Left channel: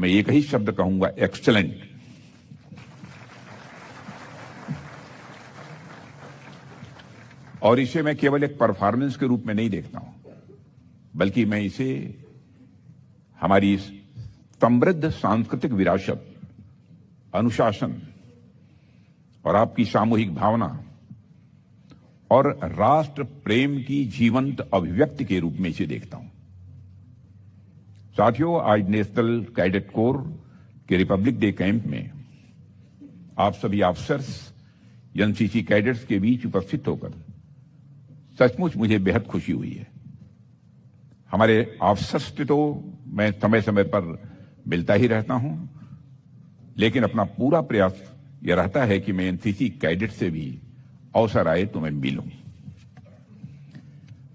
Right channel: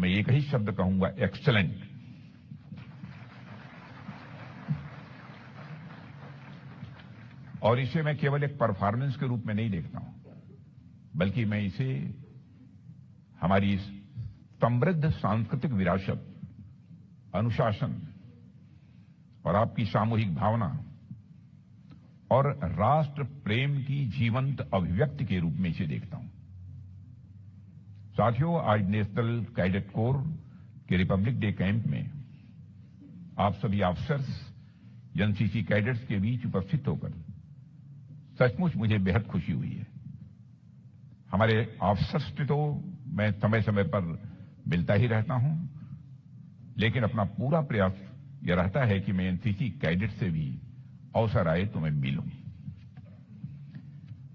मैं एक ही शब्द कहूंगा, एक्सीलेंट। और इसे मैं केवल एक परफॉर्मेंस के रूप में नहीं देखता हूं, बल्कि मैं इसे हमारी समृद्ध सांस्कृतिक विरासत, अनुशासन और आपकी सामूहिक भावना और राष्ट्र प्रेम की जीवंत अभिव्यक्ति के रूप में इसे देखता हूं। साथियों, आज नेशनल कैडेट कोर के रिपब्लिक डे कैंप में आप सभी ऑफिसर्स, एनसीसी कैडेट्स के बीच उपस्थित होकर सचमुच मुझे बेहद खुशी हुई है। हमारे ऑफिसर्स की तो मैं समय समय पर मिलता ही रहता हूं, लेकिन अपना पूरा प्रयास यह रहता है कि मैं एनसीसी कैडेट से भी अवसर आए तो मैं मिलूं।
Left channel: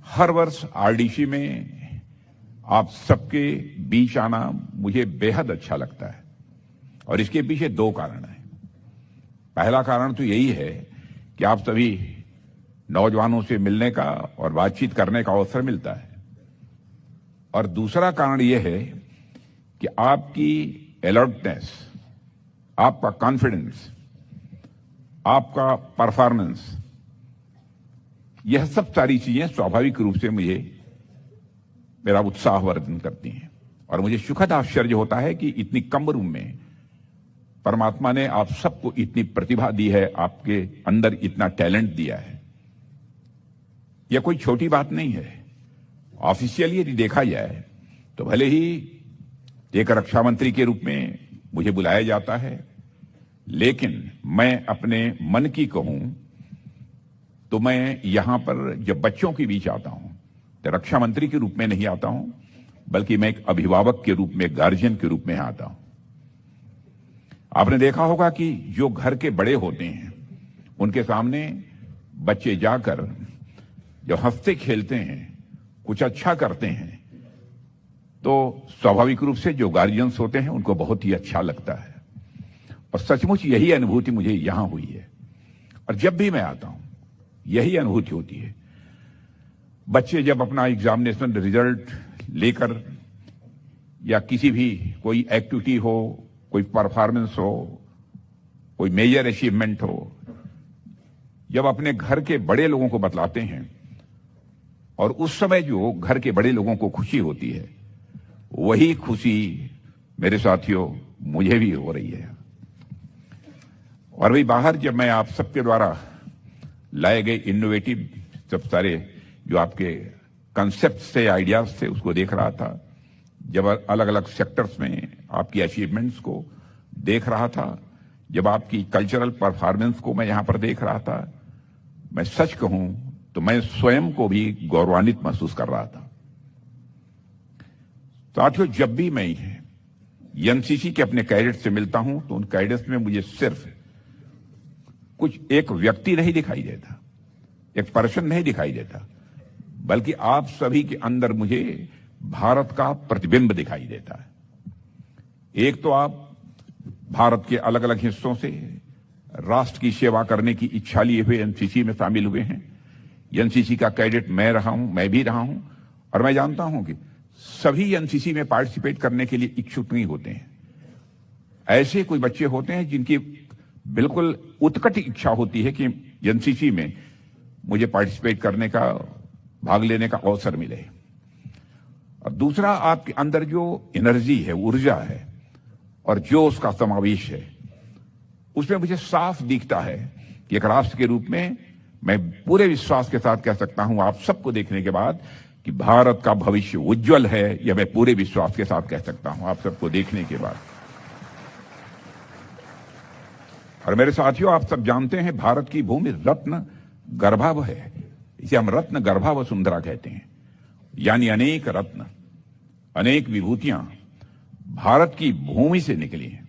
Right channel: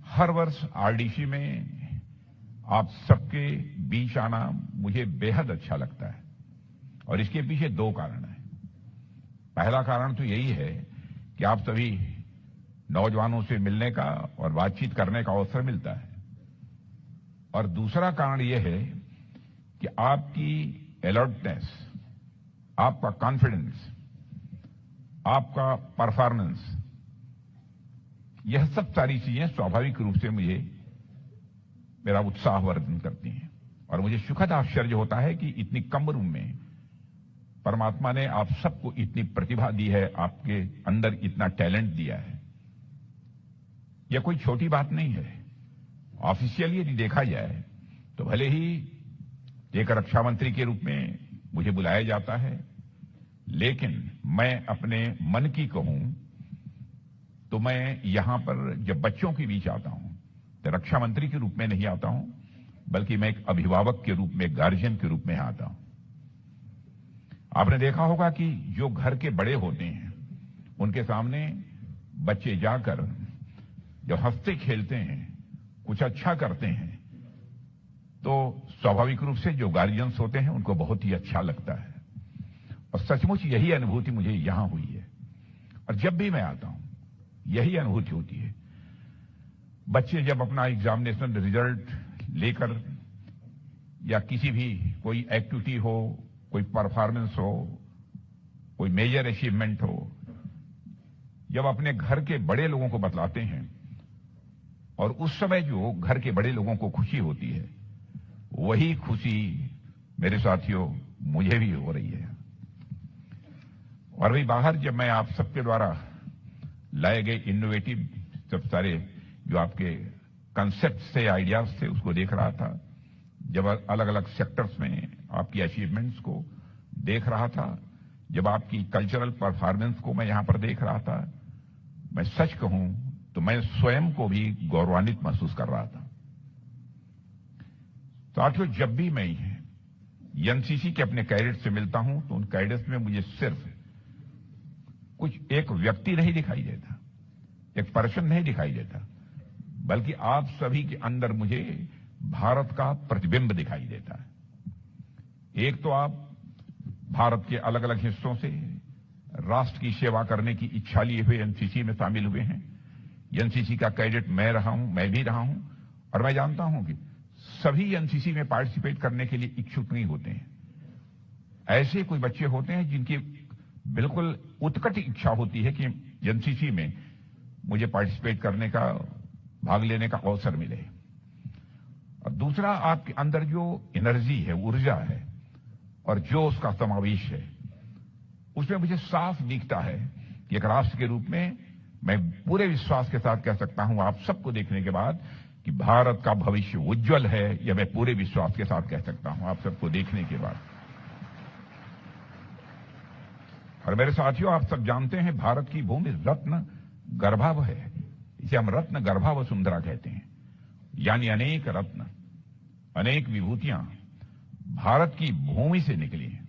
हर वर्ष आरडीसी में आप सबके बीच आना मुझे बेहद अच्छा लगता है, और इसके पीछे दो कारण हैं। पहला कारण तो यही है कि आप सभी नौजवानों से मिलने का और बातचीत करने का अवसर मिलता है, और दूसरा कारण यह है कि आपकी अलर्टनेस, आपका कॉन्फिडेंस, आपका परफॉर्मेंस, यह सब सारी चीजें स्वाभाविक रूप से मुझे मेरा उत्साह वर्धन करती हैं। और मुझे सुखद आश्चर्य होता है कि इतनी कम उम्र में परमात्मा ने आप सबको इतनी प्रतिभा दी है, आपके अंदर इतना टैलेंट दिया है। यह कोई छोटी बात नहीं है। ऑफिशियली यदि देखा जाए तो भले ही एक रक्षा मंत्री के रूप में मुझे बुलाया जाता है, लेकिन मैं अपने मन की कहूं तो मैं यहां पर जब बच्चों के बीच आता हूं तो रक्षा मंत्री के रूप में नहीं आता हूं, बल्कि मैं एक अभिभावक के रूप में, गार्जियन के रूप में आता हूं। आपने देखा होगा कि जो घर के बड़े होते हैं उनके सामने बच्चे जाकर जो हंसते खेलते हैं, कुछ अच्छा करते हैं, तो स्वाभाविक रूप से जो गार्जियंस होते हैं उनको बहुत ही अच्छा लगता है। और सचमुच यही अनुभूति मुझे यहां हुई है, और जब भी मैं आता हूं यही अनुभूति होती है। बच्चे जब अपना एग्जामिनेशन रिजल्ट लेकर या किसी भी कोई एक्टिविटी हो, कोई परफॉर्मेंस हो, कोई मेजर अचीवमेंट हो, जब अपने घर के बड़े लोगों को बतलाते हैं, और उस समय जो घर के बड़े लोगों को खुशी होती है, वही खुशी मेरे साथियों मुझे भी हो रही है। और भाई बाहर जब मैं आप सबके द्वारा लाए गए इनोवेटिव सब सारे जो आपके कंसेप्ट से, आइडियाज थे, उसको देख रहा था, जब अलग अलग सेक्टर्स में आपकी अचीवमेंट्स को देख रहा था, जब आपकी कल्चरल परफॉर्मेंस को मैं यहां पर देख रहा था, मैं सच कहूं तो मैं स्वयं को भी गौरवान्वित महसूस कर रहा था। साथियों, जब भी मैं एनसीसी के अपने कैडेट से मिलता हूं तो उन कैडेट्स में मुझे सिर्फ कुछ एक व्यक्ति नहीं दिखाई देता, एक पर्सन नहीं दिखाई देता, बल्कि आप सभी के अंदर मुझे भारत का प्रतिबिंब दिखाई देता है। एक तो आप भारत के अलग अलग हिस्सों से राष्ट्र की सेवा करने की इच्छा लिए हुए एनसीसी में शामिल हुए हैं। एनसीसी का कैडेट मैं रहा हूं, मैं भी रहा हूं, और मैं जानता हूं कि सभी एनसीसी में पार्टिसिपेट करने के लिए इच्छुक नहीं होते हैं। ऐसे कोई बच्चे होते हैं जिनकी बिल्कुल उत्कट इच्छा होती है कि एनसीसी में मुझे पार्टिसिपेट करने का, भाग लेने का अवसर मिले। और दूसरा, आपके अंदर जो एनर्जी है, ऊर्जा है, और जो उसका समावेश है, उसमें मुझे साफ दिखता है कि एक राष्ट्र के रूप में मैं पूरे विश्वास के साथ कह सकता हूं आप सबको देखने के बाद कि भारत का भविष्य उज्जवल है। यह मैं पूरे विश्वास के साथ कह सकता हूं आप सबको देखने के बाद। और मेरे साथियों, आप सब जानते हैं भारत की भूमि रत्न गर्भाव है। इसे हम रत्न गर्भा वसुंधरा कहते हैं, यानी अनेक रत्न, अनेक विभूतियां भारत की भूमि से निकली हैं।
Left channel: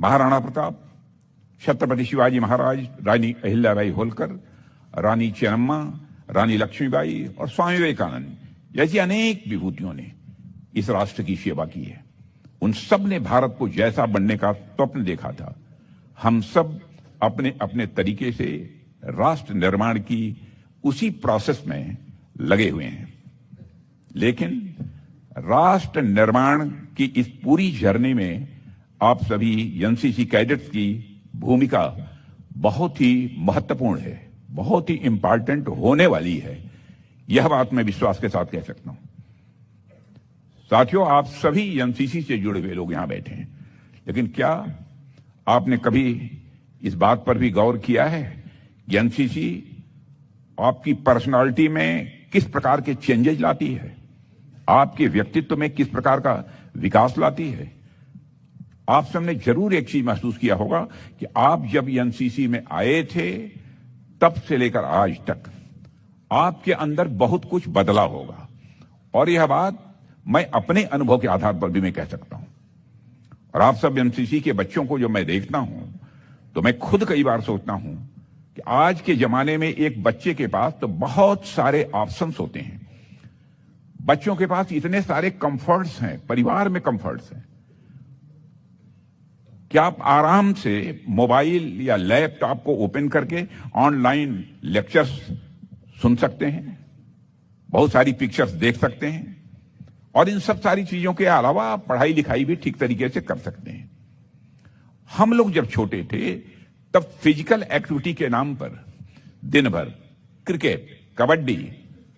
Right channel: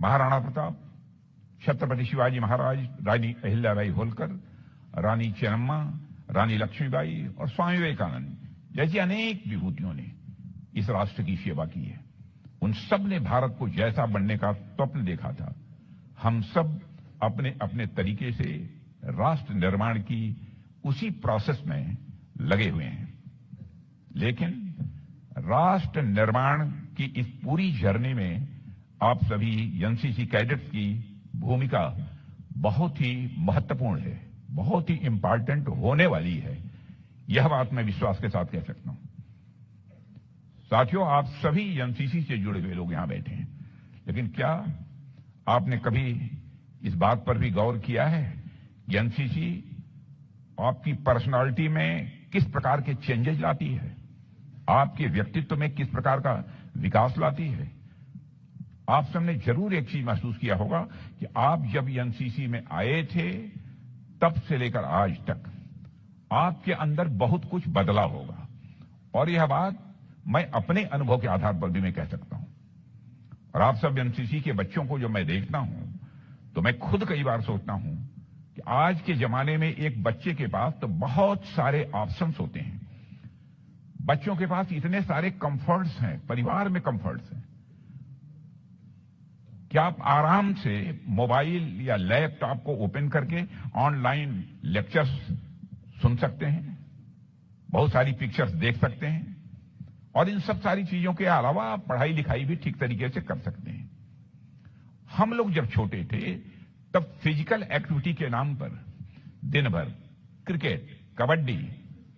महाराणा प्रताप, छत्रपति शिवाजी महाराज, रानी अहिल्याबाई होलकर, रानी चेन्नम्मा, रानी लक्ष्मीबाई और स्वामी विवेकानंद जैसी अनेक विभूतियों ने इस राष्ट्र की सेवा की है। उन सब ने भारत को जैसा बनने का स्वप्न देखा था। हम सब अपने अपने तरीके से राष्ट्र निर्माण की उसी प्रोसेस में लगे हुए हैं। लेकिन राष्ट्र निर्माण की इस पूरी जर्नी में आप सभी एनसीसी कैडेट्स की भूमिका बहुत ही महत्वपूर्ण है, बहुत ही इंपॉर्टेंट होने वाली है। यह बात मैं विश्वास के साथ कह सकता हूं। साथियों, आप सभी एनसीसी से जुड़े हुए लोग यहां बैठे हैं, लेकिन क्या आपने कभी इस बात पर भी गौर किया है कि एनसीसी आपकी पर्सनालिटी में किस प्रकार के चेंजेस लाती है, आपके व्यक्तित्व में किस प्रकार का विकास लाती है? आप सबने जरूर एक चीज महसूस किया होगा कि आप जब एनसीसी में आए थे तब से लेकर आज तक आपके अंदर बहुत कुछ बदला होगा, और यह बात मैं अपने अनुभव के आधार पर भी मैं कह सकता हूं। और आप सब एनसीसी के बच्चों को जो मैं देखता हूं तो मैं खुद कई बार सोचता हूं कि आज के जमाने में एक बच्चे के पास तो बहुत सारे ऑप्शंस होते हैं, बच्चों के पास इतने सारे कंफर्ट्स हैं, परिवार में कंफर्ट्स हैं कि आप आराम से मोबाइल या लैपटॉप को ओपन करके ऑनलाइन लेक्चर्स सुन सकते हैं, बहुत सारी पिक्चर्स देख सकते हैं, और इन सब सारी चीजों के अलावा आप पढ़ाई लिखाई भी ठीक तरीके से कर सकते हैं। हम लोग जब छोटे थे तब फिजिकल एक्टिविटी के नाम पर दिन भर क्रिकेट, कबड्डी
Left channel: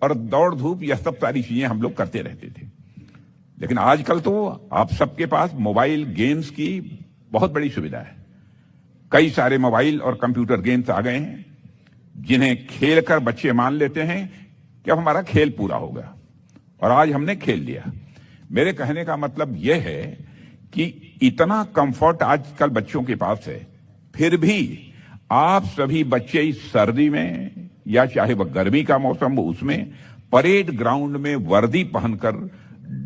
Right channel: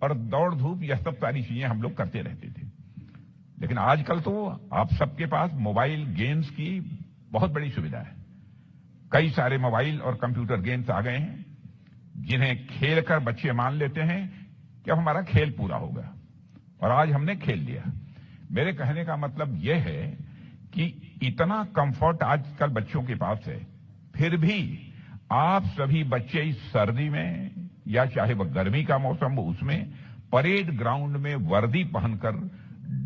और दौड़ धूप, यह सब सारी चीजें हम लोग करते रहते थे। लेकिन आजकल तो आप सबके पास मोबाइल गेम्स की बहुत बड़ी सुविधा है। कई सारे मोबाइल और कंप्यूटर गेम्स आ गए हैं जिन्हें खेलकर बच्चे मान लेते हैं कि अब हमारा खेल पूरा हो गया और आज हमने खेल लिया। मेरे कहने का मतलब यह है कि इतना कंफर्ट आजकल बच्चों के पास है, फिर भी आप सभी बच्चे इस सर्दी में या चाहे वह गर्मी का मौसम हो, उसमें परेड ग्राउंड में वर्दी पहनकर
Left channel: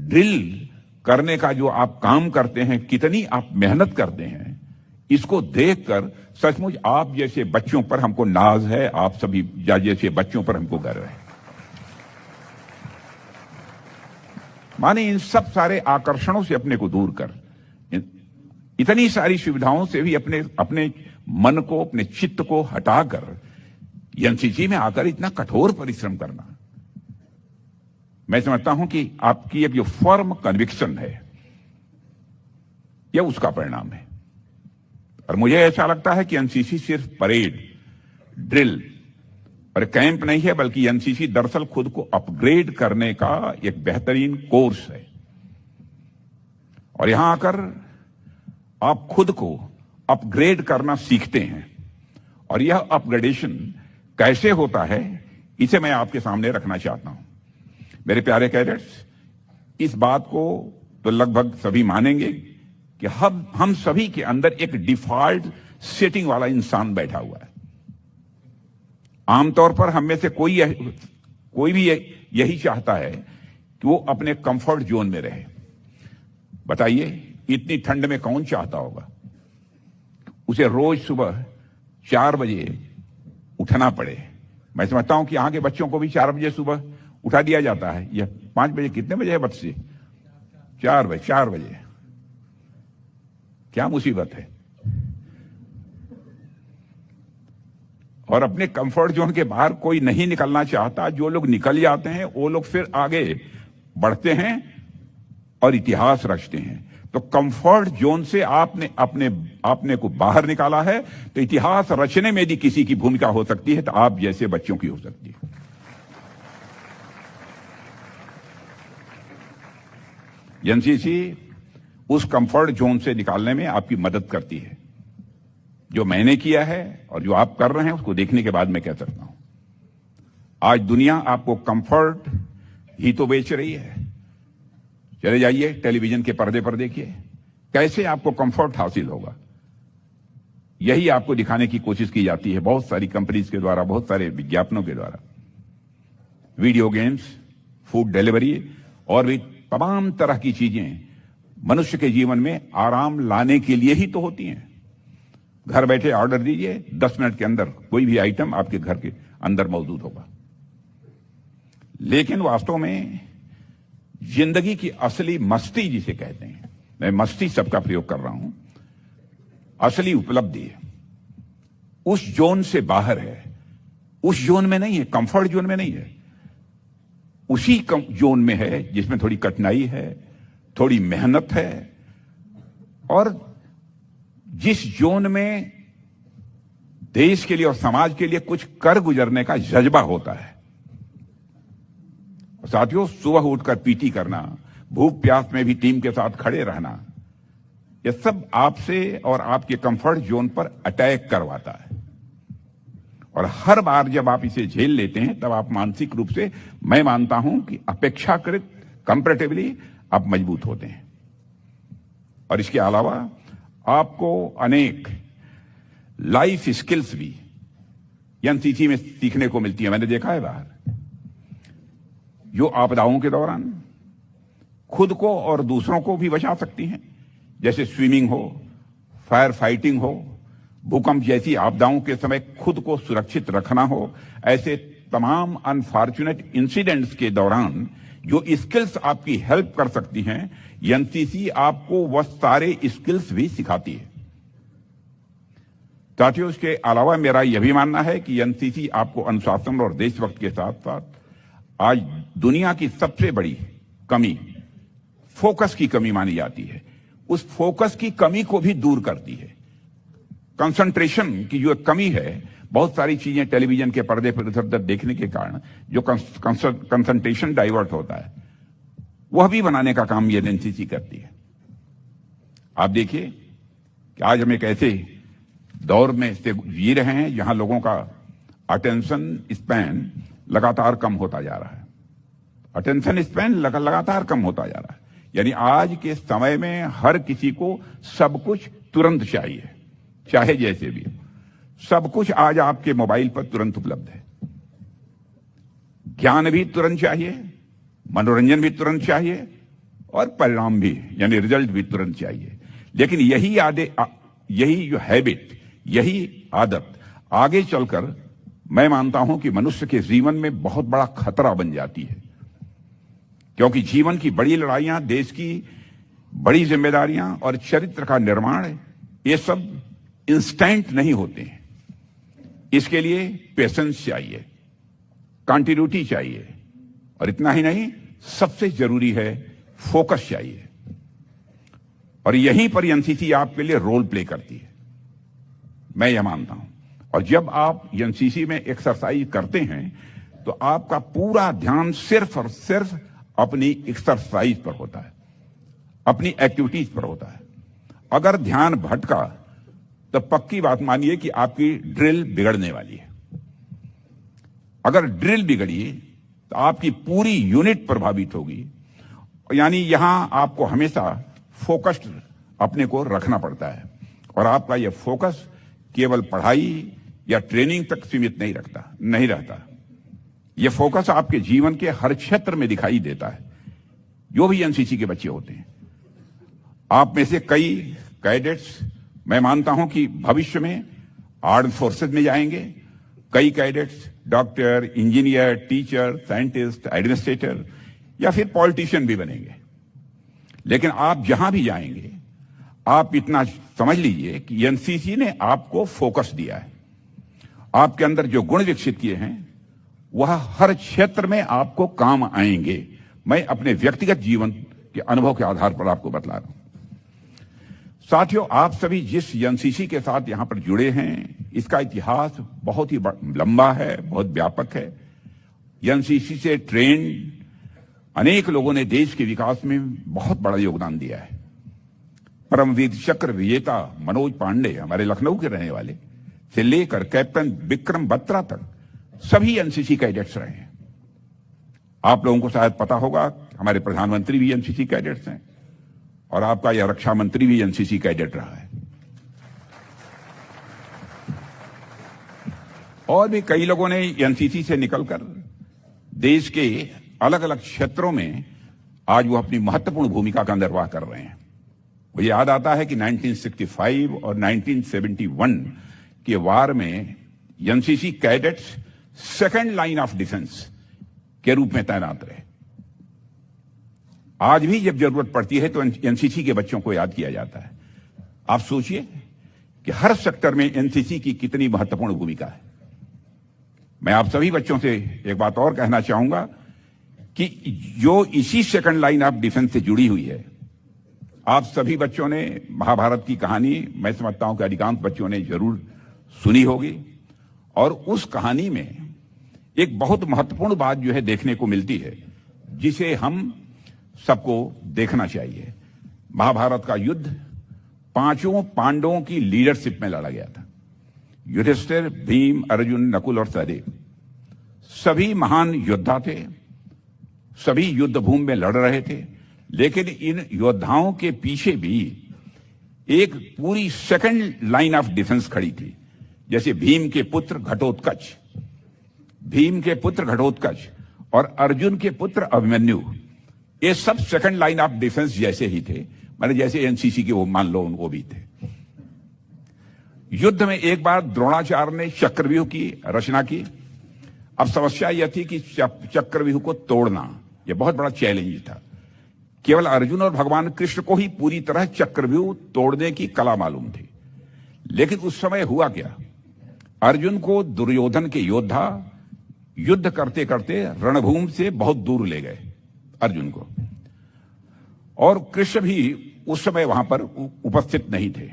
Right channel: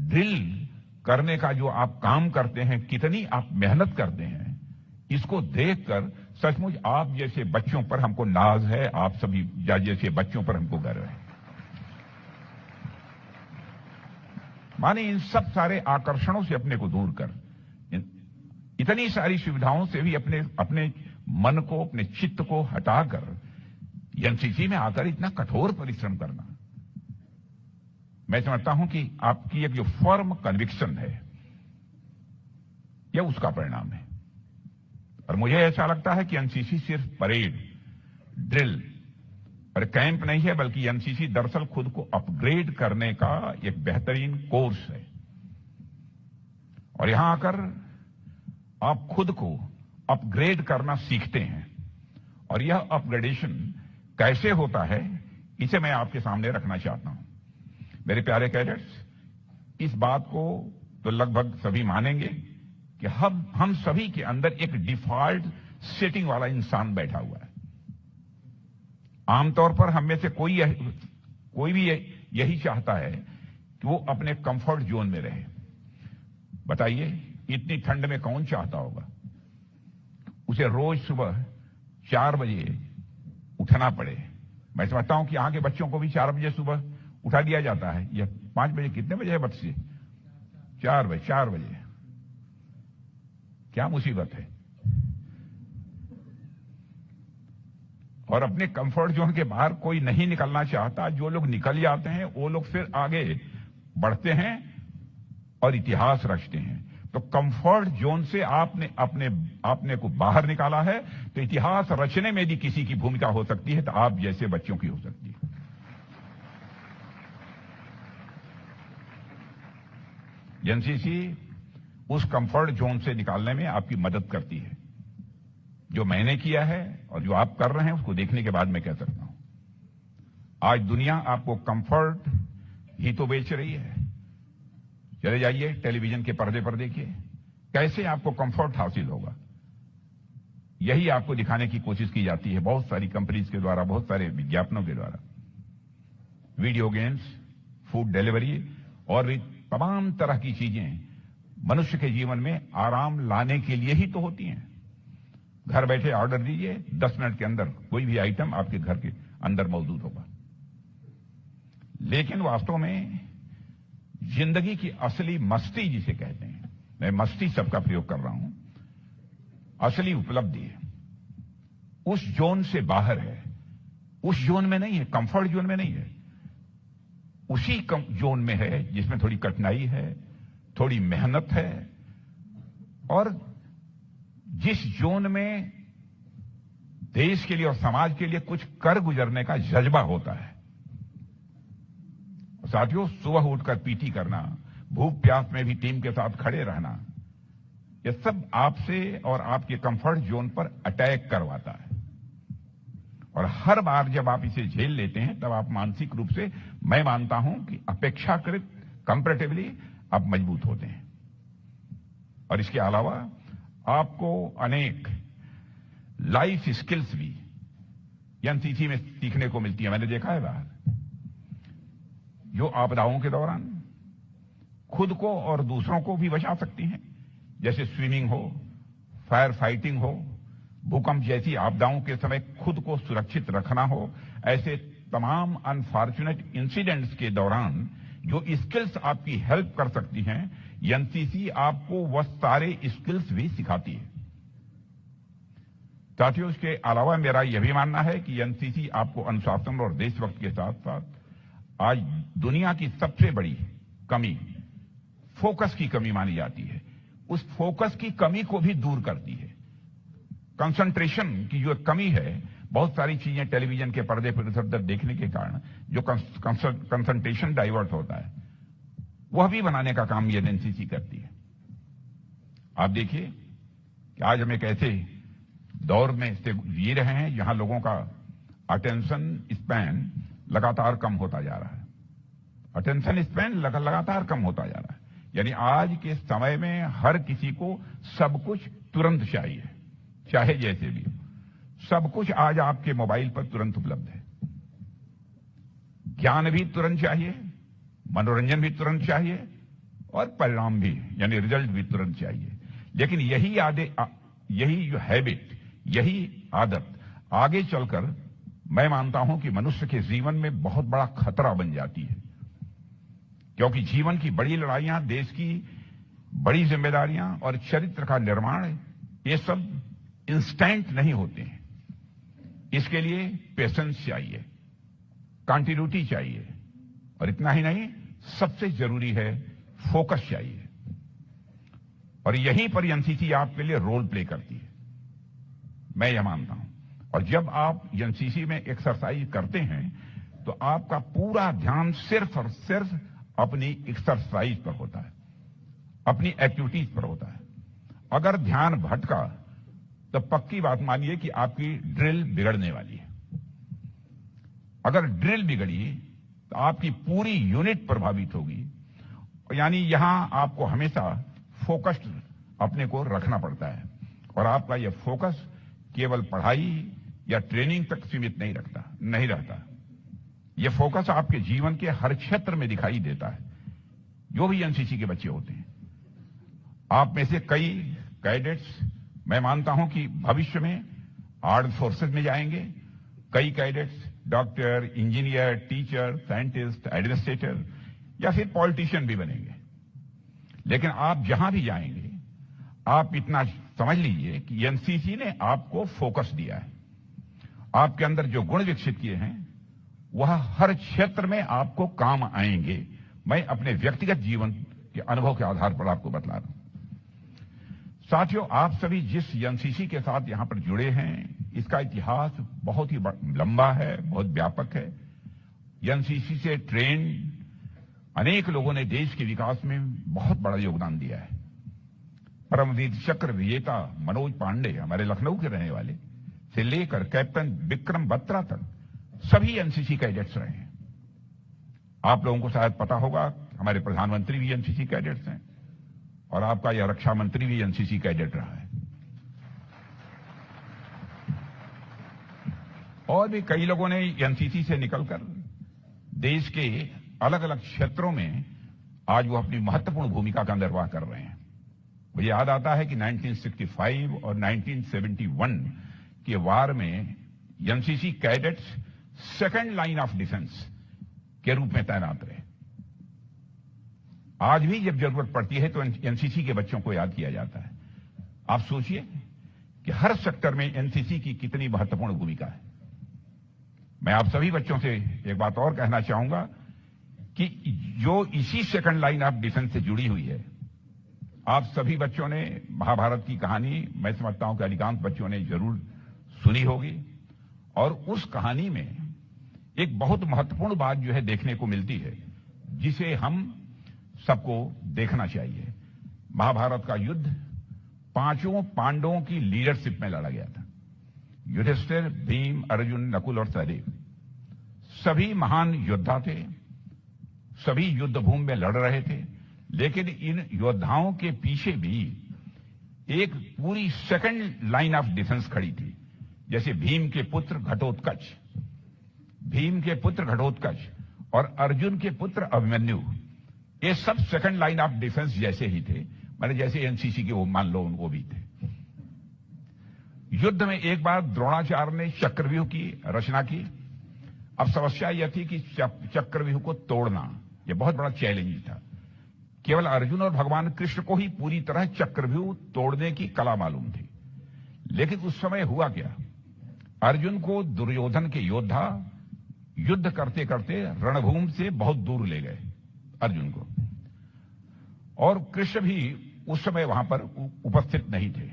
ड्रिल करने का जो आप काम करते हैं, कितनी आप मेहनत करते हैं, इसको देखकर सचमुच आप जैसे बच्चों पर हमको नाज है, आप सभी जैसे बच्चों पर हमको गर्व है। माने इन सब सारे आकर्षणों से अपने को दूर कर, इतनी सारी सुविधाओं से भी अपने मन को, अपने चित्त को हटाकर एनसीसी में आकर इतना कठोर परिश्रम करना, मैं समझता हूं कि आपकी एक जो फर्म कन्विक्शन है, यह उसका परिणाम है। और मुझे ऐसा लगता है कि एनसीसी सिर्फ परेड, ड्रिल और कैंप नहीं है, बल्कि एनसीसी दरअसल खुद को अपग्रेड करने का एक बेहतरीन कोर्स है। और यहां आकर आप खुद को अपग्रेड करना सीखते हैं, और यह अपग्रेडेशन कैसे होता है, इसे मैं आपके सामने रखना चाहता हूं। मेरे प्यारे कैडेट्स, इस बात को तो लगभग सभी मानेंगे कि हम सभी के अंदर एक डिफॉल्ट सेटिंग वाला इंसान बैठा हुआ है। आमतौर पर हम में से कोई भी यही चाहता है कि वो अपने कंफर्ट जोन में रहे। बताइए, इतनी ठंड में कौन चाहता होगा उसे रोज सुबह 4 बजे उठना पड़े? मैं समझता हूं कि यहाँ के बच्चों को भी 4 बजे सुबह उठा दिया जाता है। यह 5 बजे, कितने बजे है बच्चे? 4 बजे। क्या मुसीबत है। और अपने कंफर्ट जोन के बाहर कोई नहीं निकलना चाहता। जो लोग निकल जाते हैं वो लोग फिर आगे बढ़ते हैं और इतिहास रचते हैं। तो कंफर्ट जोन से आपने अपने को बाहर निकाला है, तो इतिहास रचने में भी किसी की भूमिका हो सकती है, तो आप जैसे बच्चों की हो सकती है। एनसीसी उस कंफर्ट जोन से निकालने में आपकी मदद करती है। जो मैंने किया है और जो आप कर रहे हैं, उसको देखने के बाद मैं कह सकता हूं, आज दुनिया आपको कंफर्ट ही तो बेच रही है। चले जाइए टेलीविजन के पर्दे पर देखिए, कैसे आपको कंफर्ट हासिल होगा, यही आपको दिखाने की कोशिश की जाती है बहुत सारी कंपनीज के द्वारा, बहुत सारे विज्ञापनों के द्वारा। वीडियो गेम्स, फूड डिलीवरी और भी तमाम तरह की चीजें मनुष्य के जीवन में आराम लाने के लिए ही तो होती हैं। घर बैठे ऑर्डर दीजिए, 10 मिनट के अंदर कोई भी आइटम आपके घर के अंदर मौजूद होगा। लेकिन वास्तव में जिंदगी की असली मस्ती जिसे कहते हैं, मैं मस्ती शब्द का प्रयोग कर रहा हूं, असली उपलब्धि उस जोन से बाहर है, उस जोन में नहीं है, कंफर्ट जोन में नहीं है। उसी जोन में है जिसमें थोड़ी कठिनाई है, थोड़ी मेहनत है, और जिस जोन में देश के लिए और समाज के लिए कुछ कर गुजरने का जज्बा होता है। साथियों, सुबह उठकर पीटी करना, भूख प्यास में भी टीम के साथ खड़े रहना, यह सब आपसे और आपके कंफर्ट जोन पर अटैक करवाता है। और हर बार जब आप इसे झेल लेते हैं तब आप मानसिक रूप से, मैं मानता हूं कि अपेक्षाकृत कंपैरेटिवली आप मजबूत होते हैं। और इसके अलावा आपको अनेक लाइफ स्किल्स भी एनसीसी में सीखने को मिलती है। मैंने देखा है बाहर, जो आपदाओं के दौरान खुद को और दूसरों को भी बचा सकती हैं, जैसे स्विमिंग हो, फायर फाइटिंग हो, भूकंप जैसी आपदाओं के समय खुद को सुरक्षित रखना हो। ऐसे तमाम अनफॉर्चुनेट इंसिडेंट्स के दौरान जो स्किल्स आपकी हेल्प कर सकती हैं, एनसीसी आपको वह सारे स्किल्स भी सिखाती है। साथियों, इसके अलावा मेरा यह भी मानना है कि एनसीसी आपको अनुशासन और देशभक्त के साथ साथ आज दुनिया की सबसे बड़ी कमी फोकस की कमी मानी जाती है, उस फोकस की कमी को भी दूर करती है। कंसंट्रेशन की जो कमी है, बहुत सारी चीजें टेलीविजन के पर्दे पर इधर उधर देखने के कारण जो कंसंट्रेशन डाइवर्ट होता है, वह भी बनाने का काम ये एनसीसी करती है। आप देखिए कि आज हम एक ऐसे दौर में से जी रहे हैं जहां लोगों का अटेंशन स्पैन लगातार कम होता जा रहा है। अटेंशन स्पैन लगातार कम होता जा रहा है। यानी आज के समय में हर किसी को सब कुछ तुरंत चाहिए, चाहे जैसे भी। सब कुछ आज आपके मोबाइल पर तुरंत उपलब्ध है। ज्ञान भी तुरंत चाहिए, मनोरंजन भी तुरंत चाहिए, और परिणाम भी यानी रिजल्ट भी तुरंत चाहिए। लेकिन यही जो हैबिट, यही आदत आगे चलकर मैं मानता हूं कि मनुष्य के जीवन में बहुत बड़ा खतरा बन जाती है। क्योंकि जीवन की बड़ी लड़ाइयां, देश की बड़ी जिम्मेदारियां और चरित्र का निर्माण, ये सब इंस्टेंट नहीं होते हैं। इसके लिए पेशेंस चाहिए, कंटिन्यूटी चाहिए, और इतना ही नहीं, सबसे जरूरी है फोकस चाहिए। और यहीं पर एनसीसी आपके लिए रोल प्ले करती है, मैं यह मानता हूं। और जब आप एनसीसी में एक्सरसाइज करते हैं तो आपका पूरा ध्यान सिर्फ और सिर्फ अपनी एक्सरसाइज पर होता है, अपनी एक्टिविटीज पर होता है। अगर ध्यान भटका तो पक्की बात मानिए कि आपकी ड्रिल बिगड़ने वाली है। अगर ड्रिल बिगड़ी तो आपकी पूरी यूनिट प्रभावित होगी। यानी यहां आपको हमेशा फोकस्ड अपने को रखना पड़ता है, और आपका यह फोकस केवल पढ़ाई या ट्रेनिंग तक सीमित नहीं रहता। यह फोकस आपके जीवन के हर क्षेत्र में दिखाई देता है। जो भी एनसीसी के बच्चे होते हैं, आप में से कई कैडेट्स मैं मानता हूं कि भविष्य में आर्म फोर्सेज में जाएंगे। कई cadets doctor, engineer, teacher, scientist, administrator या फिर पॉलिटिशियन भी बनेंगे। लेकिन आप जहां भी जाएंगे, आप इतना समझ लीजिए कि एनसीसी ने आपको फोकस दिया है। आपके अंदर जो गुण विकसित किए हैं वह हर क्षेत्र में आपको काम आएंगे। मैं अपने व्यक्तिगत जीवन के अनुभव के आधार पर आपको बतला रहा हूं। साथियों, आप सभी जिस एनसीसी के साथ यहां पर जुड़े हैं, इसका इतिहास बहुत ही लंबा है, बहुत व्यापक है। एनसीसी से ट्रेन अनेक लोगों ने देश के विकास में बहुत बड़ा योगदान दिया है। परमवीर चक्र विजेता मनोज पांडे, हमारे लखनऊ के रहने वाले, से लेकर कैप्टन विक्रम बत्रा तक सभी एनसीसी कैडेट्स रहे हैं। आप लोगों को शायद पता होगा, हमारे प्रधानमंत्री भी एनसीसी कैडेट्स हैं, और आपका यह रक्षा मंत्री भी एनसीसी कैडेट रहा है। और भी कई लोगों ने एनसीसी से निकलकर देश के अलग अलग क्षेत्रों में आज वो अपनी महत्वपूर्ण भूमिका का निर्वाह कर रहे हैं। मुझे याद आता है कि 1965 और 1971 के वार में NCC cadets second line of defence के रूप में तैनात रहे। आज भी जब जरूरत पड़ती है तो एनसीसी के बच्चों को याद किया जाता है। आप सोचिए कि हर सेक्टर में एनसीसी की कितनी महत्वपूर्ण भूमिका है। मैं आप सभी बच्चों से एक बात और कहना चाहूंगा कि जो इसी सेकंड लाइन ऑफ डिफेंस से जुड़ी हुई है। आप सभी बच्चों ने महाभारत की कहानी, मैं समझता हूं कि अधिकांश बच्चों ने जरूर सुनी होगी, और उस कहानी में एक बहुत महत्वपूर्ण बात जो है देखने को मिलती है, जिसे हम सबको देखना चाहिए। महाभारत का युद्ध 5 पांडवों की लीडरशिप में लड़ा गया था। युधिष्ठिर, भीम, अर्जुन, नकुल और सहदेव सभी महान योद्धा थे, सभी युद्ध भूमि में लड़ रहे थे, लेकिन इन योद्धाओं के पीछे भी एक पूरी सेकंड लाइन ऑफ डिफेंस खड़ी थी। जैसे भीम के पुत्र घटोत्कच और अर्जुन के पुत्र अभिमन्यु, ये सब सेकंड लाइन ऑफ डिफेंस जैसे ही थे, मतलब जैसे एनसीसी के वो मान लो वो भी थे। युद्ध में एक बार द्रोणाचार्य ने चक्रव्यूह की रचना की। अब समस्या यह थी कि चक्रव्यूह को तोड़ना यह बहुत बड़ा चैलेंज था। केवल अर्जुन और भगवान कृष्ण को ही पूरी तरह चक्रव्यूह तोड़ने की कला मालूम थी। लेकिन उस समय हुआ क्या, अर्जुन को दुर्योधन के योद्धा युद्ध करते करते रणभूमि से बहुत दूर ले गए अर्जुन को, और कृष्ण भी उस समय वहां पर उपस्थित नहीं थे।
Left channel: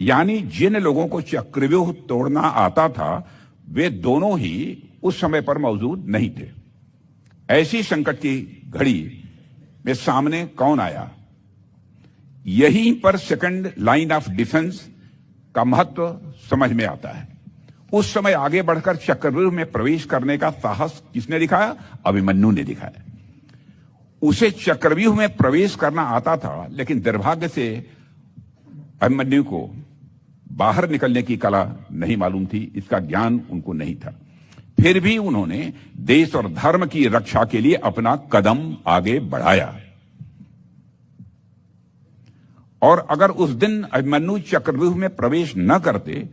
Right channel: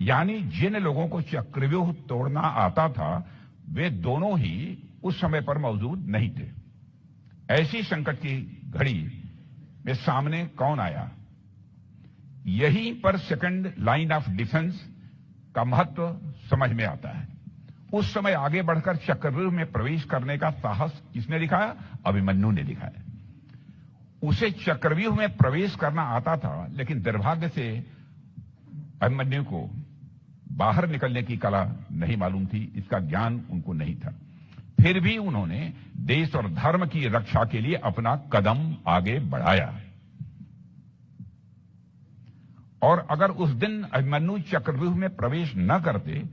यानी जिन लोगों को चक्रव्यूह तोड़ना आता था वे दोनों ही उस समय पर मौजूद नहीं थे। ऐसी संकट की घड़ी में सामने कौन आया? यहीं पर सेकंड लाइन ऑफ डिफेंस का महत्व समझ में आता है। उस समय आगे बढ़कर चक्रव्यूह में प्रवेश करने का साहस किसने दिखाया? अभिमन्यु ने दिखाया। उसे चक्रव्यूह में प्रवेश करना आता था, लेकिन दुर्भाग्य से अभिमन्यु को बाहर निकलने की कला नहीं मालूम थी, इसका ज्ञान उनको नहीं था। फिर भी उन्होंने देश और धर्म की रक्षा के लिए अपना कदम आगे बढ़ाया। और अगर उस दिन अभिमन्यु चक्रव्यूह में प्रवेश न करते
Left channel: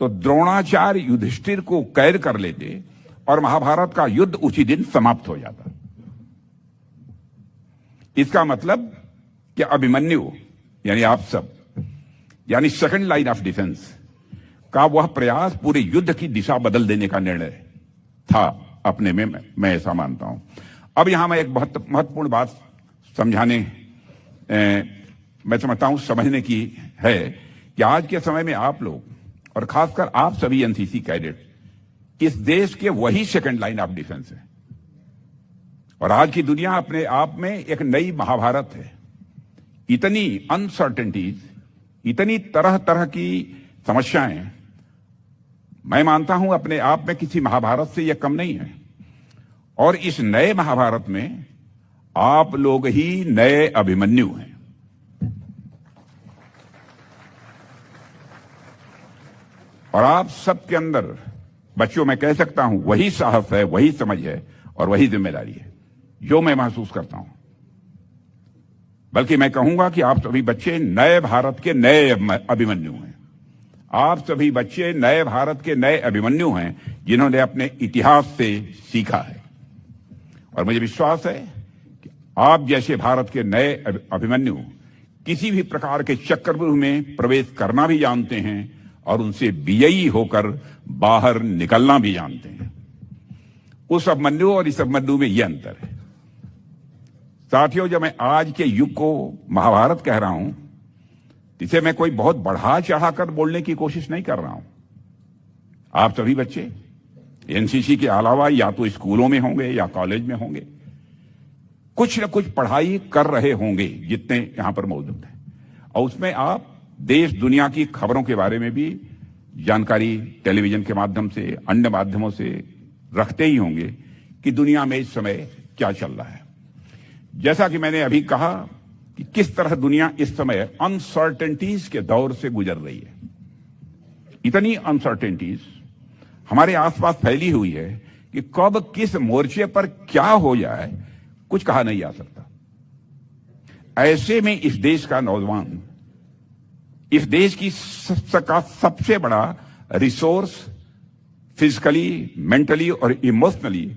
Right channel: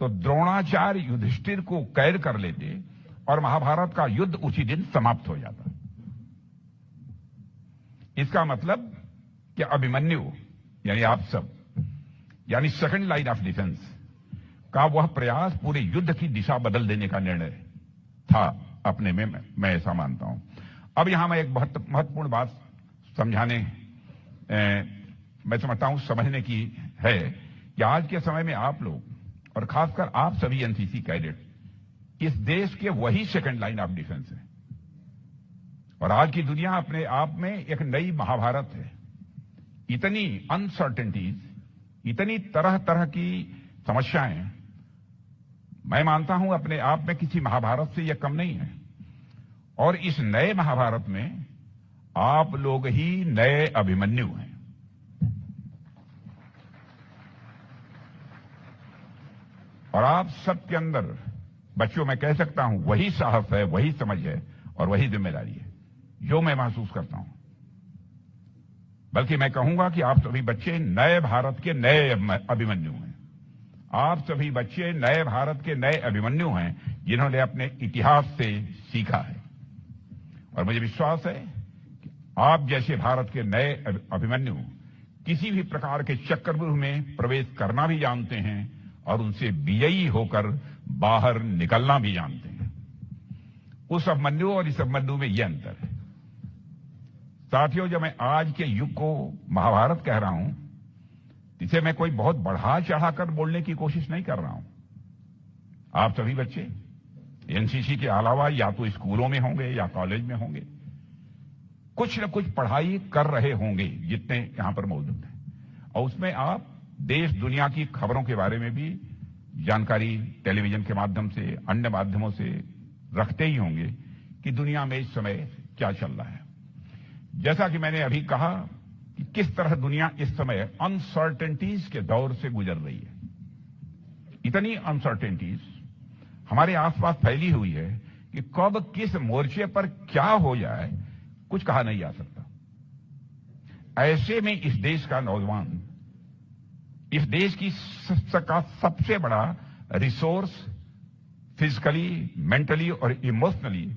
तो द्रोणाचार्य युधिष्ठिर को कैद कर लेते और महाभारत का युद्ध उसी दिन समाप्त हो जाता। इसका मतलब कि अभिमन्यु यानी आप सब, यानी सेकंड लाइन ऑफ डिफेंस का वह प्रयास पूरे युद्ध की दिशा बदल देने का निर्णय था अपने में, मैं ऐसा मानता हूं। अब यहां मैं एक बहुत महत्वपूर्ण बात समझाने मैं समझता हूं समझने की है कि आज के समय में आप लोग और खासकर आप सभी एनसीसी कैडेट इस देश के वही सेकंड लाइन ऑफ डिफेंस है। और आज की दुनिया अपने आप में एक नई महाभारत है। इतनी अनसर्टेनिटीज, इतनी तरह तरह की समस्याएं, मैं मानता हूं अपने आप में किसी महाभारत से यह कम नहीं है। और इस नए महाभारत में आप लोग ही नए अभिमन्यु हैं। और आप सबके अंदर, बच्चों मैं कह सकता हूं, वही साहस है, वही समझ है और वही जिम्मेदारी है जो मैं महसूस करता हूं। बल्कि मैं कहूंगा कि आप सभी बच्चे नए भारत के नए अभिमन्यु हैं। आप सभी बच्चे नए भारत के नए अभिमन्यु हैं जिन्होंने अपने इतिहास से सीखा है। और मुझे विश्वास है कि आप जैसे भारत के नए अभिमन्यु किसी भी प्रकार के चक्रव्यूह में प्रवेश करना भी जानते हैं और उनसे विजयी होकर बाहर निकलना भी जानते हैं। उस अभिमन्यु और इस अभिमन्यु में यह अंतर है। साथियों, जब मैं आज के युग को महाभारत कह रहा हूं, इसे मैं कोई बहुत बढ़ा चढ़ाकर बोलने की कोशिश नहीं कर रहा हूं। आप सभी बच्चे एनसीसी के अलावा या तो स्कूलों में होंगे या कॉलेज में होंगे, कुछ न कुछ पढ़ाई कर रहे होंगे जितने यहां पर मौजूद हैं। और उसमें आप देश दुनिया की खबरों के बारे में भी जानकारी टेलीविजन के माध्यम से, अन्य माध्यमों से रखते ही होंगे कि दुनिया में इस समय क्या चल रहा है। जैसा कि मैंने अभी कहा कि किस तरह दुनिया इस समय अनसर्टेनिटीज के दौर से गुजर रही है। इतनी अनसर्टेनिटीज हमारे आसपास फैली हुई है कि कब किस मोर्चे पर क्या हो जाए कुछ कहा नहीं जा सकता। ऐसे में इस देश का नौजवान, इस देश की का सबसे बड़ा रिसोर्स फिजिकली, मेंटली और इमोशनली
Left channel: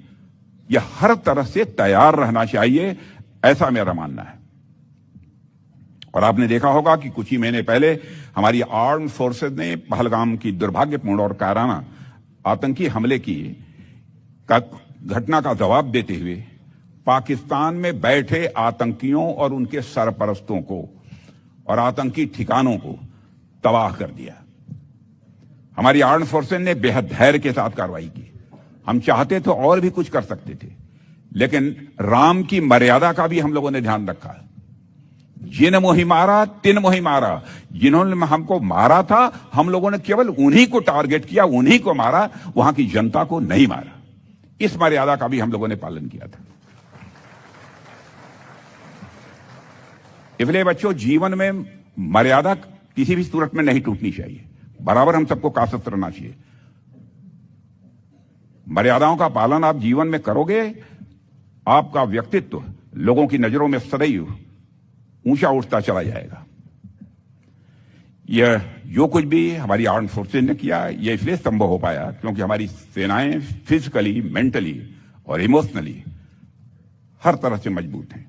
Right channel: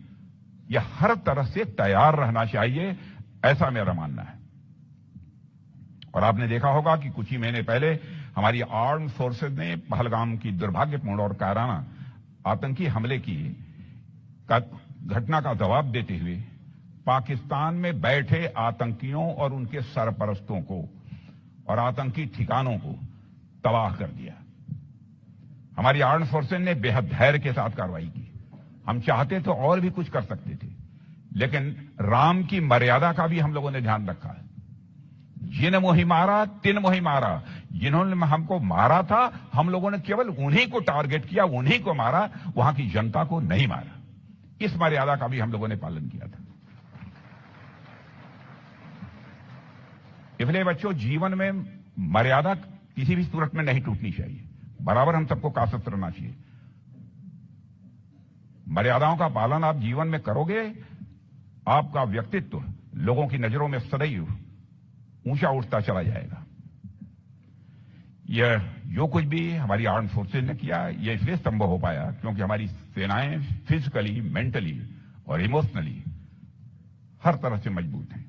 यह हर तरह से तैयार रहना चाहिए, ऐसा मेरा मानना है। और आपने देखा होगा कि कुछ ही महीने पहले हमारी आर्म्ड फोर्सेज ने पहलगाम की दुर्भाग्यपूर्ण और कायराना आतंकी हमले की घटना का जवाब देते हुए पाकिस्तान में बैठे आतंकियों और उनके सरपरस्तों को और आतंकी ठिकानों को तबाह कर दिया। हमारी आर्म्ड फोर्सेस ने बेहद धैर्य के साथ कार्रवाई की। हम चाहते तो और भी कुछ कर सकते थे, लेकिन राम की मर्यादा का भी हम लोगों ने ध्यान रखा। जिन मोहि मारा तिन मोहि मारा, जिन्होंने हमको मारा था हम लोगों ने केवल उन्हीं को टारगेट किया, उन्हीं को मारा, वहां की जनता को नहीं मारा। इस मर्यादा का भी हम लोगों ने पालन किया था। इसलिए बच्चों, जीवन में मर्यादा किसी भी सूरत में नहीं टूटनी चाहिए, बराबर हम सबको कासत रहना चाहिए। मर्यादाओं का पालन आप जीवन में करोगे, आपका व्यक्तित्व लोगों की नजरों में सदैव ऊंचा उठता चला जाएगा। यह जो कुछ भी हमारी आर्म्ड फोर्सेज ने किया, यह इसलिए संभव हो पाया क्योंकि हमारी सेनाएं फिजिकली, मेंटली और इमोशनली हर तरह से मजबूत हैं।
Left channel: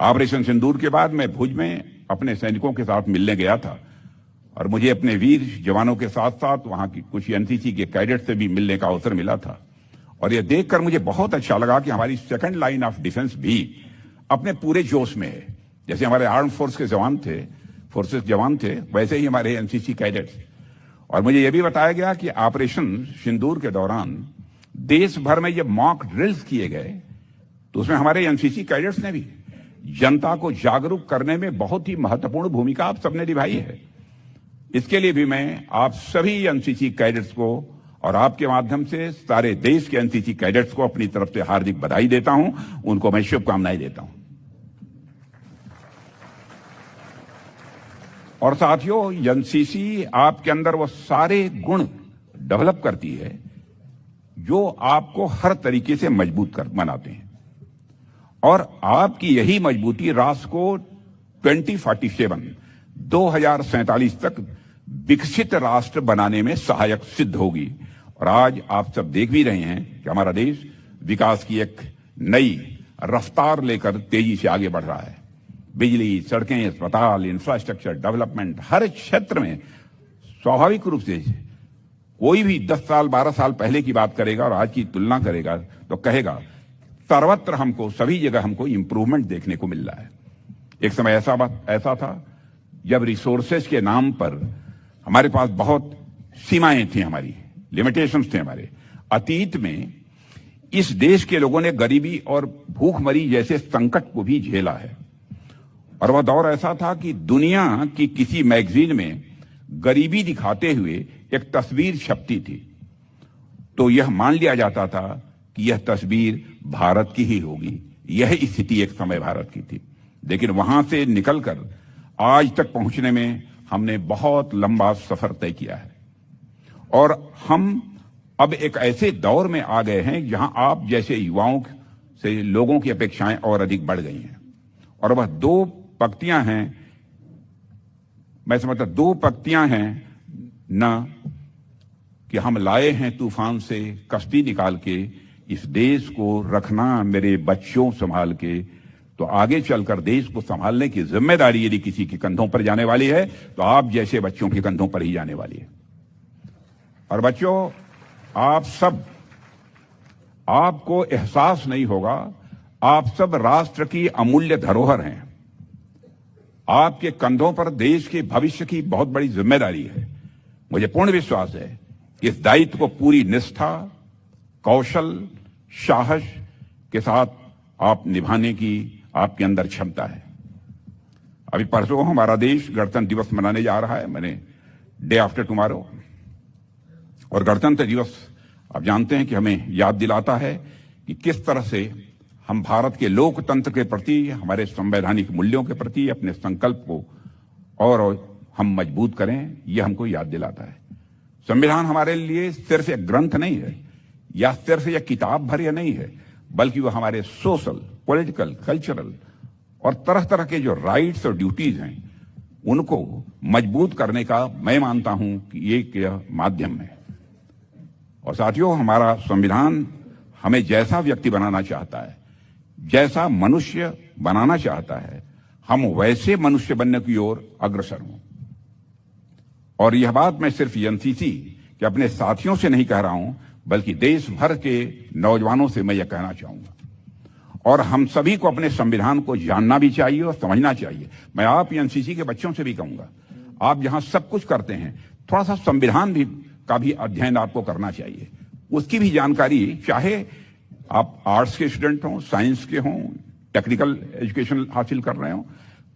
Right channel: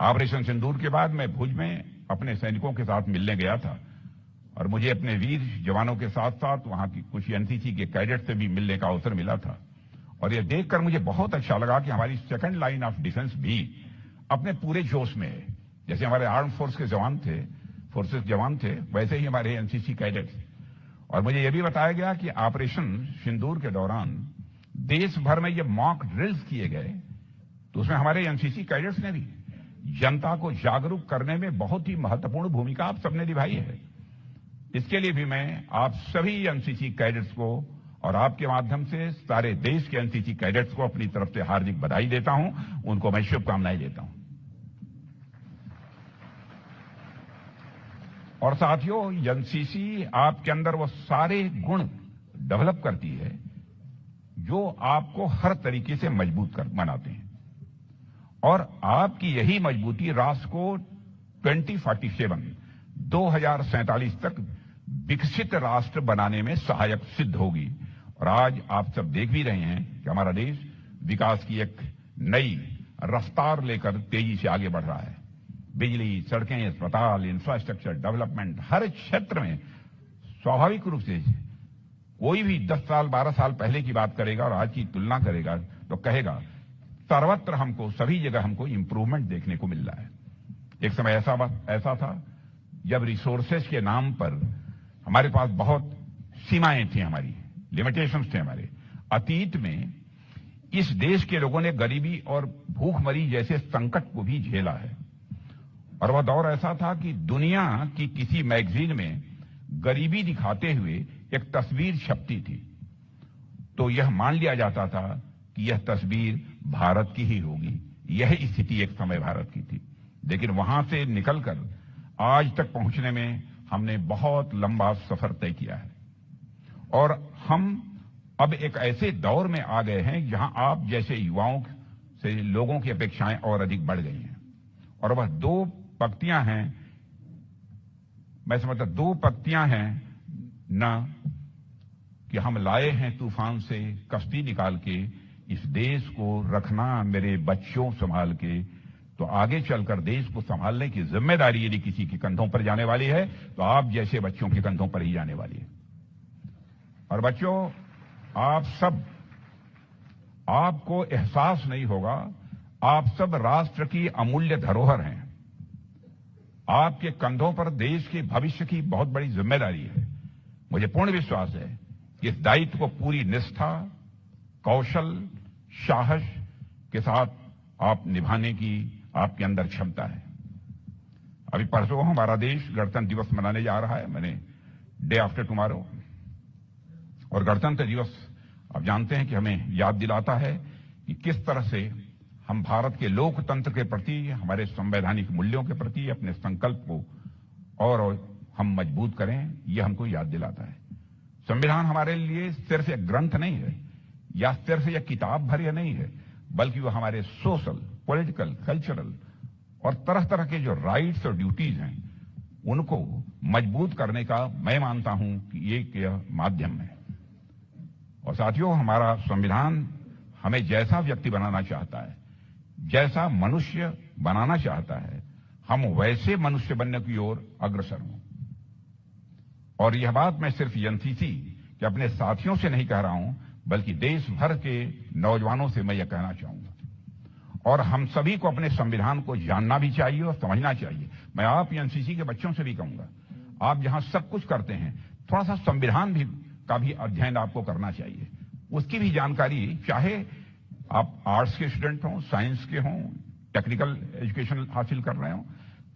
ऑपरेशन सिंदूर के बाद मैं भुज में अपने सैनिकों के साथ मिलने गया था और मुझे अपने वीर जवानों के साथ साथ वहां की कुछ एनसीसी के कैडेट से भी मिलने का अवसर मिला था। और यह देखकर मुझे बहुत अच्छा लगा कि हमारी सेकंड लाइन ऑफ डिफेंस भी अपने पूरे जोश में है। जैसे हमारे आर्म फोर्स के फोर्सेस जवान थे, वैसे ही हमारे एनसीसी कैडेट्स। और मुझे यह भी बताया गया कि ऑपरेशन सिंदूर के दौरान देश भर में जब मॉक ड्रिल्स किए गए तो उसमें हमारे एनसीसी कैडेट्स ने भी जनता को जागरूक करने में बहुत ही महत्वपूर्ण भूमिका आप सबने निभाई है। इसके लिए भी मैं आप सभी एनसीसी कैडेट्स को और आपके माध्यम से सारे देश के एनसीसी कैडेट्स को अपनी तरफ से हार्दिक बधाई देता हूं, उनको मैं शुभकामनाएं देता हूं। और साथियों, एनसीसी आपके अंदर वो सारे गुण डेवलप करती है जो आपको हर तरीके से मजबूत बनाते हैं। और आपकी यही मजबूती राष्ट्र को 2047 तक विकसित राष्ट्र बनाने में सहायक सिद्ध होगी। और आज आप सब देख भी रहे हैं कि हमारा देश विकास की एक नई रफ्तार लेकर तेजी से आगे बढ़ रहा है। बिजली, सड़कें, अस्पताल, इंफ्रास्ट्रक्चर डेवलपमेंट, हर क्षेत्र में स्वाभाविक रूप से कोई भी 10 साल 12 साल पहले की बात करेगा और आज की तुलना करेगा तो कहेगा सर्वत्र हमको, सभी जगह हमको इंप्रूवमेंट देखने को मिल रहा है। एक समय ऐसा था जब रिसोर्सेज के नाम पर हमारे पास बहुत सीमाएं थी, हमारी लिमिटेशंस थे हमारे। अतीत में इस देश के लोगों ने गरीबी और भूखमरी जैसे संकट को भी झेला है। और वह दौर ऐसा था कि दुनिया की किसी मैगजीन में गरीबी दिखाते हुए एक तस्वीर छपती थी तो यह मान लिया जाता था कि यह तस्वीर भारत की ही होगी। यह स्थिति एक समय भारत की थी, लेकिन वहां से निकलकर आज तक पहुंचने में हमने बहुत लंबा सफर तय किया है। और हम अब एक ऐसे दौर में आ गए हैं जहां आप जैसे युवाओं से लोगों की अपेक्षाएं और अधिक बढ़ गई हैं। और वह दो पंक्तियां हैं, मैं समझता 2 पंक्तियां हैं ना, कि हम लाए हैं तूफान से कश्ती निकाल के, इस देश को रखना मेरे बच्चों संभाल के। तो आगे चलकर देश को संभालने की जिम्मेदारी यदि किसी के कंधों पर जाने वाली है तो आप जैसे बच्चों के कंधों पर ही जाने वाली है। और बच्चों, आप सब, आपको एहसास नहीं होगा, आप सब राष्ट्र की अमूल्य धरोहर हैं। आपके कंधों पर देश के भविष्य की बहुत बड़ी जिम्मेदारी है। मुझे पूर्ण विश्वास है कि इस दायित्व को पूरी निष्ठा, कौशल, साहस के साथ आप निभाने की आपके अंदर क्षमता है। अभी परसों हमारा देश गणतंत्र दिवस मनाने जा रहा है, मैंने डे आफ्टर टुमारो। और गणतंत्र दिवस आप जानते हैं कि हमें याद दिलाता है कि किस तरह से हम भारत के लोकतंत्र के प्रति, हमारे संवैधानिक मूल्यों के प्रति अपने संकल्प को और हम मजबूत करें, यह हमको याद दिलाता है। संविधान हमारे लिए सिर्फ एक ग्रंथ नहीं है या सिर्फ एक किताब भर या नहीं है, बल्कि वह हमारे सोशल, पॉलिटिकल, कल्चरल और तरह तरह के जो राइट्स और ड्यूटीज हैं उनको मजबूत करने का मैं मानता हूं कि एक माध्यम है। और साथियों, हमारा संविधान हमें जैसा व्यक्ति बनाना चाहता है, जैसा मनुष्य बनाना चाहता है, हम वैसे मनुष्य बनने की ओर अग्रसर हों। और यह बात मैं सिर्फ एनसीसी के अपने साथियों से नहीं कह रहा हूं, बल्कि देश भर के नौजवानों से मैं यह कहना चाहूंगा। और हम सभी को अपने संविधान को जानना भी चाहिए और समझना चाहिए। मैं आप एनसीसी के बच्चों से भी कहूंगा, आप जहां सब कुछ करते हैं, थोड़ा सा संविधान भी का भी अध्ययन आपको करना चाहिए। उसकी भी जानकारी, चाहे आप आर्ट्स के स्टूडेंट हों, साइंस के हों, टेक्निकल एजुकेशन हासिल कर रहे हो,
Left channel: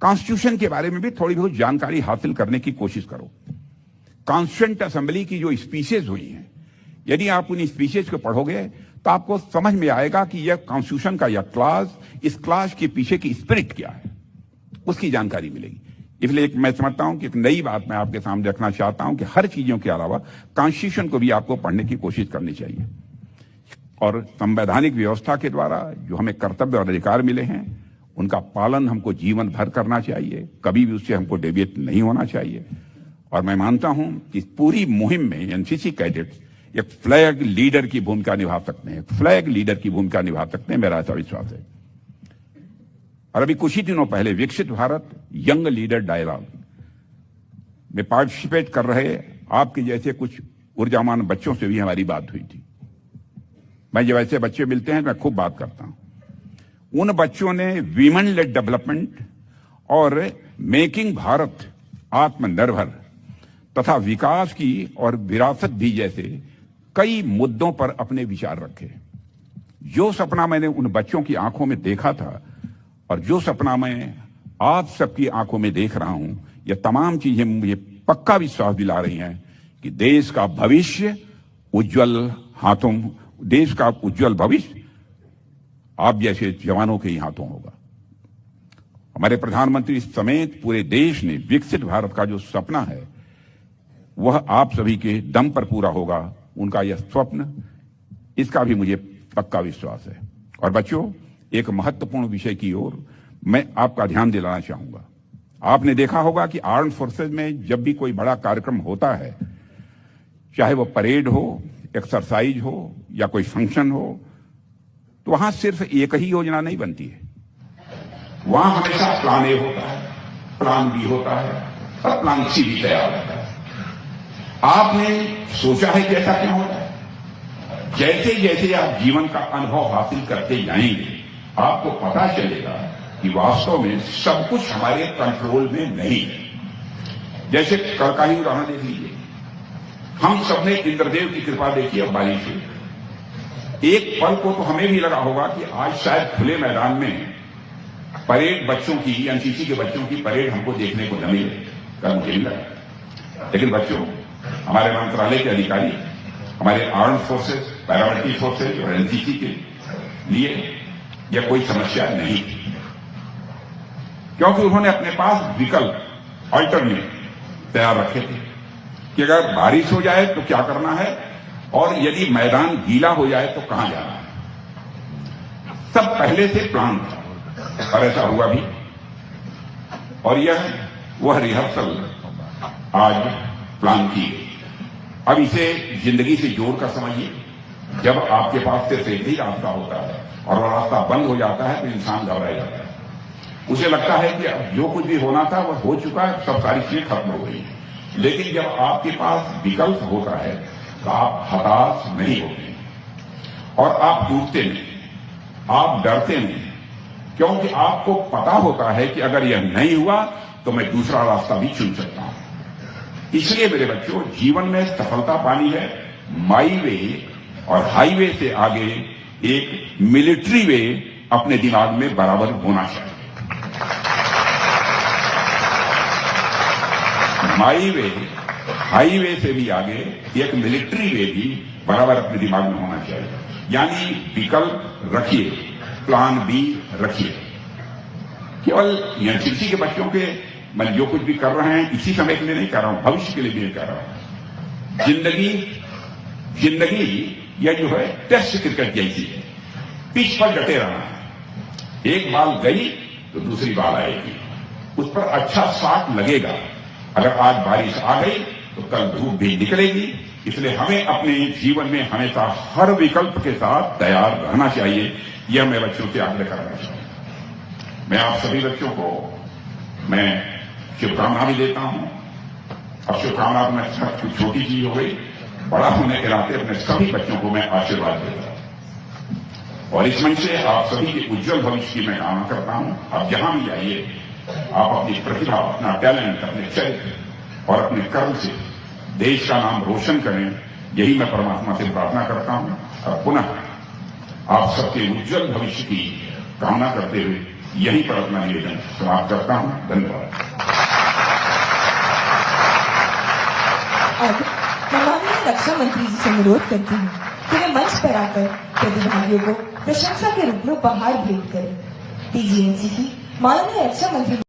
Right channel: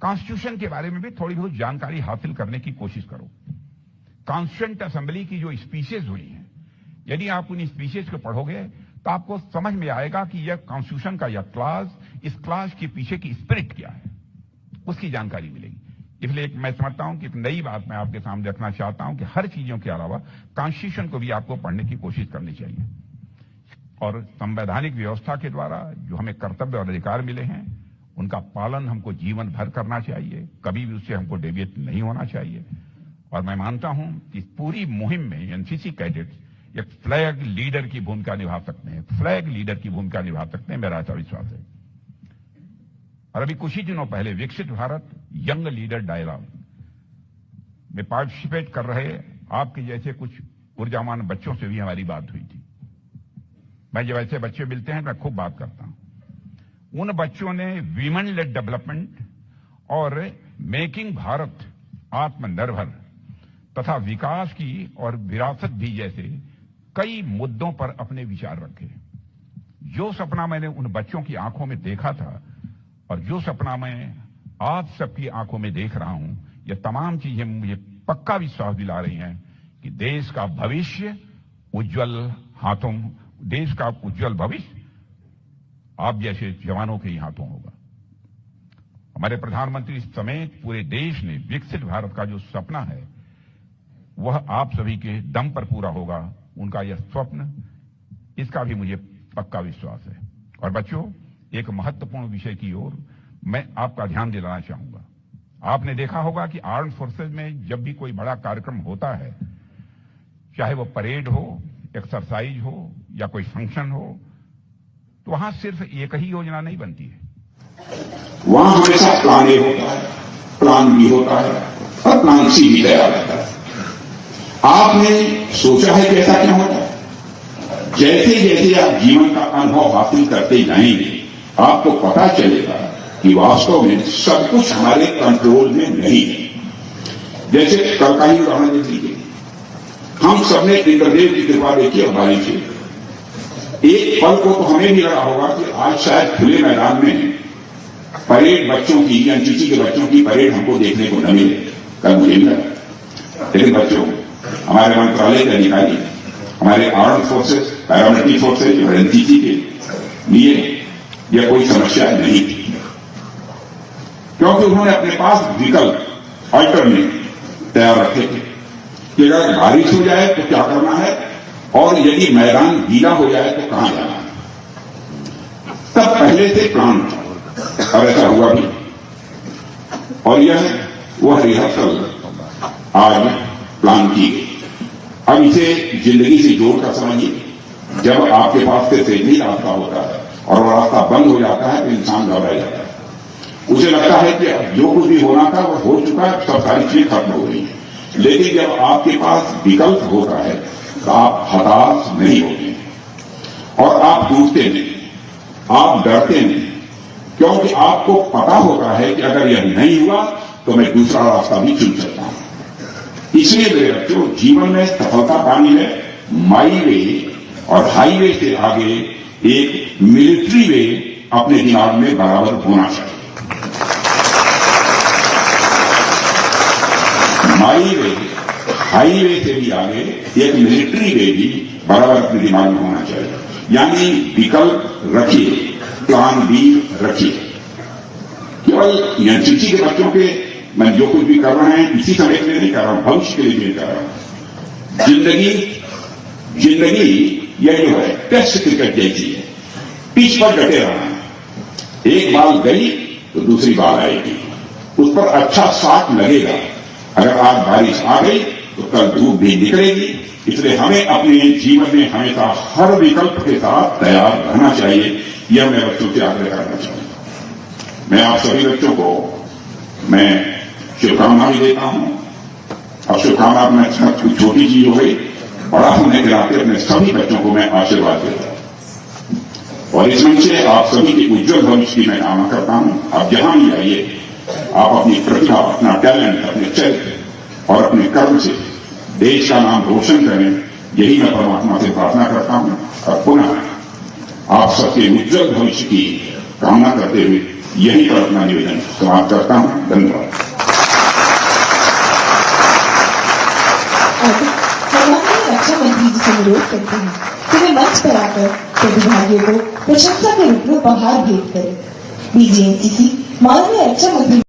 कॉन्स्टिट्यूशन के बारे में भी थोड़ी बहुत जानकारी हासिल करने की कोशिश करो। कॉन्स्टिट्यूएंट असेंबली की जो स्पीचेज हुई हैं, यदि आप उन स्पीचेज को पढ़ोगे तो आपको समझ में आएगा कि यह कॉन्स्टिट्यूशन का यह क्लास, इस क्लास के पीछे की स्पिरिट क्या है, उसकी जानकारी मिलेगी। इसलिए मैं समझता हूं कि एक नई बात मैं आपके सामने रखना चाहता हूं कि हर चीजों के अलावा कॉन्स्टिट्यूशन को भी आपको पढ़ने की कोशिश करनी चाहिए। और संवैधानिक व्यवस्था के द्वारा जो हमें कर्तव्य और अधिकार मिले हैं, उनका पालन हमको जीवन भर करना चाहिए, कभी भी उससे हमको डेविएट नहीं होना चाहिए। और मैं मानता हूं कि इस पूरी मुहिम में एनसीसी कैडेट्स एक फ्लैग लीडर की भूमिका निभा सकते हैं, फ्लैग लीडर की भूमिका निभा सकते हैं, मेरा ऐसा विश्वास है। और अभी कुछ ही दिनों पहले विकसित भारत यंग लीडर डायलॉग में पार्टिसिपेट कर रहे आपके जैसे कुछ ऊर्जावान बच्चों से भी हमारी बात हुई थी। मैं जब ऐसे बच्चे मिलते हैं मैं खूब बात करता हूं। उन बच्चों ने वीमेन लेड डेवलपमेंट और मेकिंग भारत आत्मनिर्भर तथा विकास की और विरासत भी जैसे कई मुद्दों पर अपने विचार रखे। जो सपना मैंने उन बच्चों की आंखों में देखा था और जो सपना मैं आप सबकी आंखों में देख रहा हूं, ये तमाम चीजें मुझे पक्का विश्वास दिला रही हैं कि देश का भविष्य उज्जवल हाथों, देश का उज्जवल भविष्य आप जैसे जवानों के ही हाथों होगा। हमारे प्रधानमंत्री समेत पूरे देश ने विकसित भारत का जो सपना है वह आप सभी के दम पर पूरा होगा। उनका यह स्वप्न, इसका भी मुझे पक्का विश्वास है। और बच्चों, एक महत्वपूर्ण विषय की ओर मैं आपका ध्यान दिलाना चाहूंगा। आपने देखा होगा कि आर्म फोर्सेज में जब भी कोई बड़ा कार्यक्रम होता है, चाहे वो परेड हो, एक्सरसाइज हो या कोई फंक्शन हो, तो वहां सिर्फ एक ही योजना नहीं बनती है, वहां हमेशा प्लान ए होता है, प्लान बी होता है और प्लान सी भी तैयार होता है। आपने सोचा है कि ऐसा क्या होता है? जैसे जैसे आप जीवन का अनुभव हासिल करते जाएंगे, आपको पता चलेगा कि वास्तव में सब कुछ हमारे कंट्रोल में नहीं है। जैसे कल का ही उदाहरण देख लीजिए, हम सबने इंद्रदेव की कृपा देखी और बारी से एक पल को तो हमें भी लगा होगा कि आज शायद खुले मैदान में परेड बच्चों की, एनसीसी के बच्चों की परेड हमको देखने को न मिले, कल मुझे मिला। लेकिन बच्चों, हमारे मंत्रालय के अधिकारी, हमारे आर्म फोर्सेस, पैरामिलिट्री फोर्सेस और एनसीसी के लिए यह कोई समस्या नहीं थी, क्योंकि उन्होंने अपने पास विकल्प अल्टरनेट तैयार रखे थे कि अगर बारिश हो जाए तो क्या करना है और यदि मैदान गीला हो जाए तो कहां जाना है। तब पहले से प्लान था और ऐसा हुआ भी। और यह वह रिहर्सल आज प्लान की गई। अब इसे जिंदगी से जोड़कर समझिए। जब आपके पास से सही रास्ता होता है और वो रास्ता बंद हो जाता है तो इंसान घबरा जाता है। उसे लगता है कि अब जो कुछ भी होना था वो हो चुका है, सब सारी चीजें खत्म हो गई है। लेकिन जब आपके पास विकल्प होता है तो आप हताश नहीं होते और आप टूटते नहीं, आप डरते नहीं, क्योंकि आपको पता होता है कि अगर यह नहीं हुआ तो मैं दूसरा रास्ता भी चुन सकता हूं। इसलिए मेरे बच्चों, जीवन में सफलता पानी है माई वे और हाईवे से आगे एक मिलिट्री वे अपने दिमाग में बराबर होना चाहिए। माई वे, हाईवे से भी आगे एक मिलिट्री वे भी बराबर अपने दिमाग में होना चाहिए। यानी विकल्प रखिए, प्लान बी रखिए। केवल एनसीसी के बच्चों के मैं जो कुछ भी कर रहे हैं इसी समय के लिए नहीं कर रहा हूं, भविष्य के लिए कर रहा हूं। जिंदगी यह जो है टेस्ट क्रिकेट जैसी है, पिच पर डटे रहना है। एक बाल गई तो दूसरी बाल आएगी, उस पर अच्छा शॉट लगेगा। अगर आज बारिश आ गई तो कल धूप भी निकलेगी। इसलिए हमें अपने जीवन में हमेशा हर विकल्प के साथ तैयार रहना चाहिए। यह मैं बच्चों से आग्रह करना चाहूंगा। मैं आप सभी बच्चों को मैं शुभकामनाएं देता हूं। अब शुभकामना में कुछ छोटी चीज हो गई, बड़ा होने के नाते अपने सभी बच्चों को मैं आशीर्वाद देता हूं। और इस मंच से आप सभी के उज्जवल भविष्य की मैं कामना करता हूं। आप जहां भी आइए, आप अपनी प्रतिभा, अपना टैलेंट, अपने चरित्र और अपने कर्म से देश का नाम रोशन करें, यही मैं परमात्मा से प्रार्थना करता हूं। और पुनः आप सबके उज्जवल भविष्य की कामना करते हुए यही पर अपना निवेदन समाप्त करता हूं। धन्यवाद। रक्षा मंत्री जी से अनुरोध करती हूँ कि वे मंच पर आकर प्रतिभागियों को प्रशंसा के रूप में उपहार भेंट करें। डीजीएनसीसी माननीय रक्षा मंत्री